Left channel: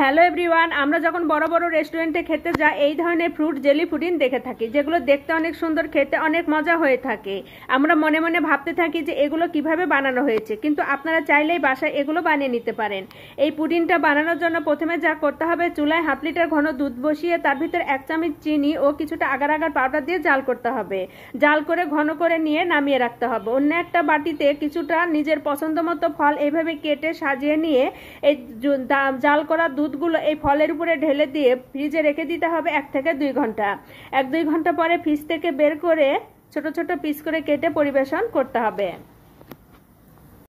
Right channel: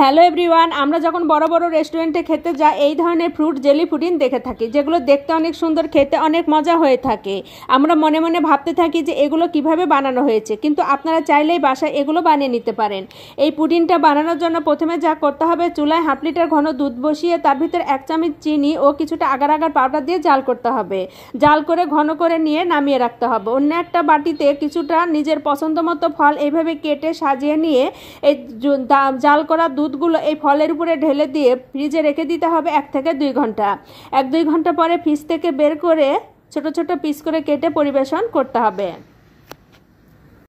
Hello everyone, আমরা যখন বড় বড় রেস্টুরেন্টে খেতে যাই এই ধরনের ফ্রুট জেলি পুডিং দেখে থাকি, যেগুলো দেখতে অনেক সুন্দর, খেতে অনেক মজা হয়ে থাকে। আমরা মনে মনে ভাবতে থাকি যে এগুলো কিভাবে বানানো হয়েছে, কিন্তু আপনারা চাইলেই বাসায় এগুলো বানিয়ে নিতে পারেন। এই পুডিংটা বানানোর জন্য প্রথমে যা করতে হবে, চুলায় 1/2 লিটার ঘন দুধ বসিয়ে তার ভিতরে 1 চামচ চিনি ও কিছুটা আগার আগার পাউডার দিয়ে জাল করতে হবে। জাল করে ঘন করে নিয়ে নামিয়ে রাখতে হবে। অন্য একটা বাটিতে কিছুটা নিজের পছন্দ মতো ফল এইভাবে কেটে সাজিয়ে নিয়ে এই জাল করা দুধগুলো এই ফলের উপরে ঢেলে দিয়ে ফ্রিজে রেখে দিতে হবে 1 থেকে 2 ঘন্টা। 1-2 ঘন্টা পরে ফ্রিজ থেকে বের করে ছোট ছোট পিস করে কেটে পরিবেশন করতে হবে।